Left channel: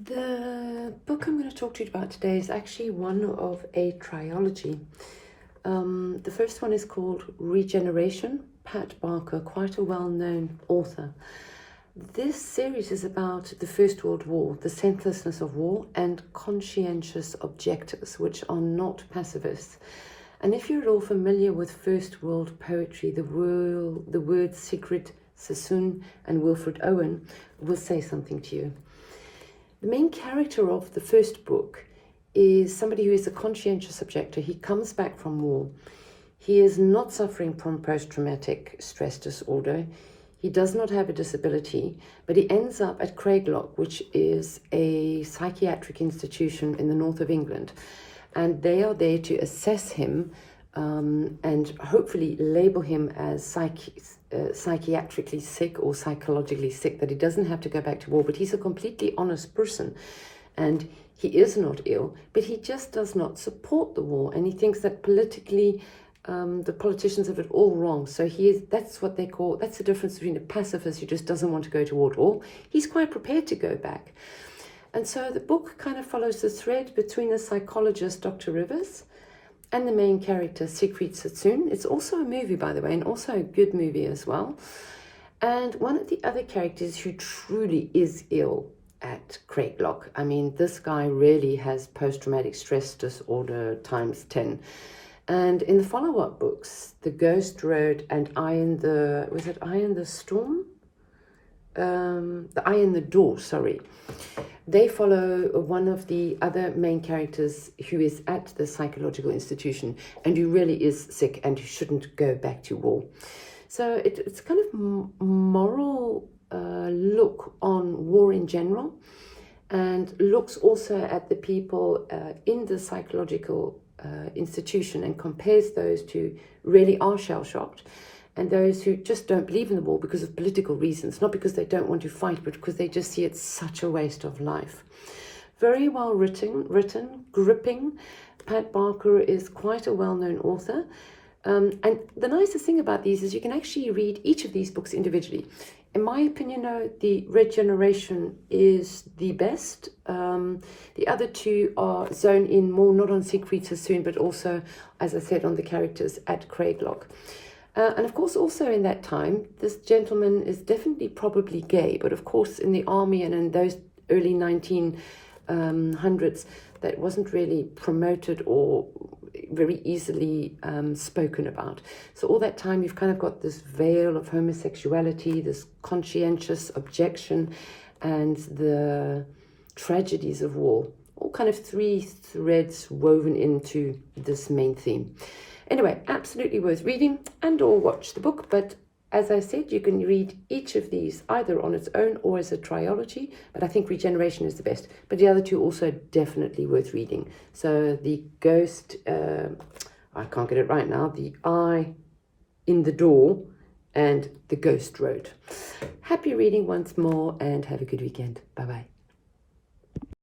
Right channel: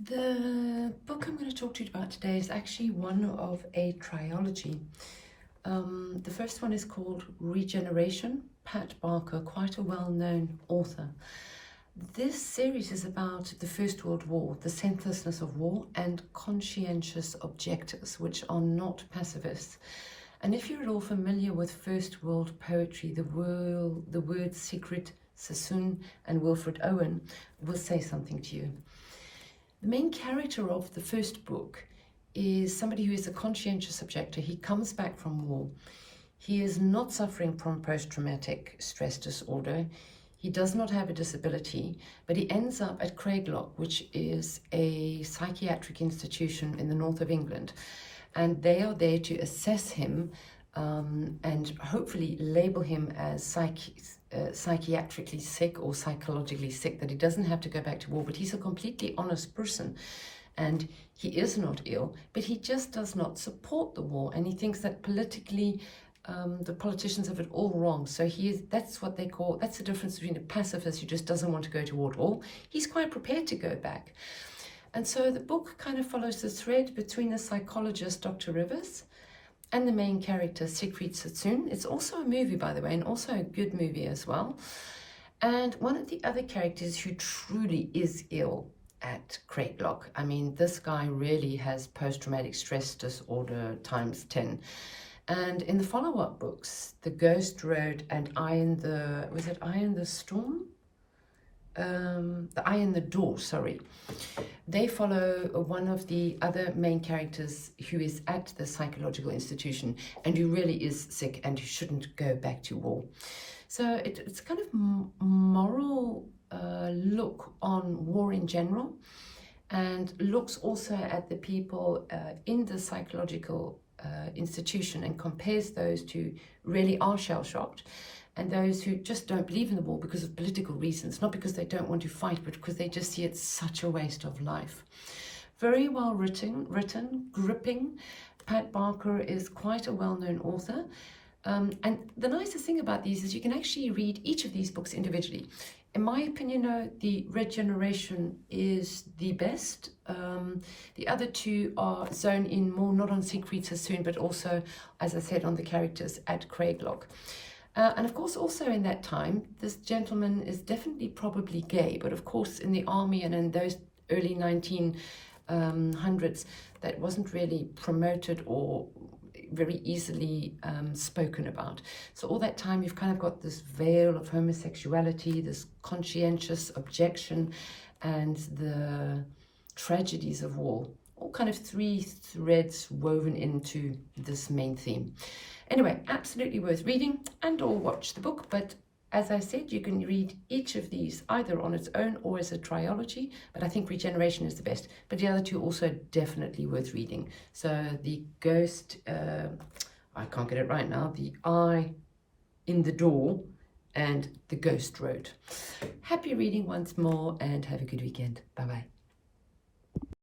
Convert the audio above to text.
The book I'm going to talk to you about today is actually one of a trilogy. The first one is called Regeneration, Pat Barker, quite a well-known author. This series is about the First World War, the senselessness of war, and conscientious objectors, which are not pacifists. And if you're at all familiar with First World poetry, the words Sigrid Sassoon and Wilfred Owen will say something to you. The main character of the first book is somebody who is a conscientious objector. He comes back from war. He is not suffering from post-traumatic stress disorder. He does not have a disability, but he ends up at Craiglock, which is a psychiatric institution in the north of England. And they are there to assess him and hopefully label him as psychiatrically sick or psychologically sick, that he doesn't have to go back to war. But he's a completely honest person, and he is not ill, but he just does not support the war, and he thinks that politically the politicians have it all wrong. So that's what they call, that's the difference between a pacifist who just doesn't want to go to war at all. He's quite prepared to go back. And so the book kind of follows the thread between the psychologist, Dr. Rivers, and the main character, Sigrid Sassoon. It's also a movie, by the way, and also a good movie as well. And one of the other characters who truly is ill at Craiglock. I mean, this guy really has post-traumatic stress disorder times 10. And in the follow-up books, The Ghost Road and Eye in the Storm? The Eye in the Door, sorry. They follow one of the other main characters who is at the psychological institution and who really is sick and who shouldn't go back to war. So it's kind of moral look on war in general, and looks also at the people in the psychological institution and compares those who really are shell-shocked and those who just don't believe in the war because of political reasons, not because they don't want to fight, but because they just see it such a waste of life. Very well written, gripping. Pat Barker is quite a well-known author. And the nicest thing about these is you can actually read each of these books individually. In my opinion, the Regeneration is the best. The other two are zone in more, not on Sigrid Sassoon, but also, as I said, on the characters at Craiglock. And of course, also in that time, this gentleman is definitely probably gay, but of course in the army and in those early 1900s, that wasn't really promoted or very easily spoken about. So all that time, you've kind of got this veil of homosexuality, this conscientious objection, and the tragedies of war, all kind of three threads woven into this main theme. Anyway, absolutely worth reading and or watch the book. But as I said, you can read each of these either on its own or as a trilogy. But I think Regeneration is the best. But the other two also definitely worth reading. So The Ghost, I can't get it right now, The Eye in the Door and The Ghost Road. Happy reading once more and have a good weekend. Bye-bye.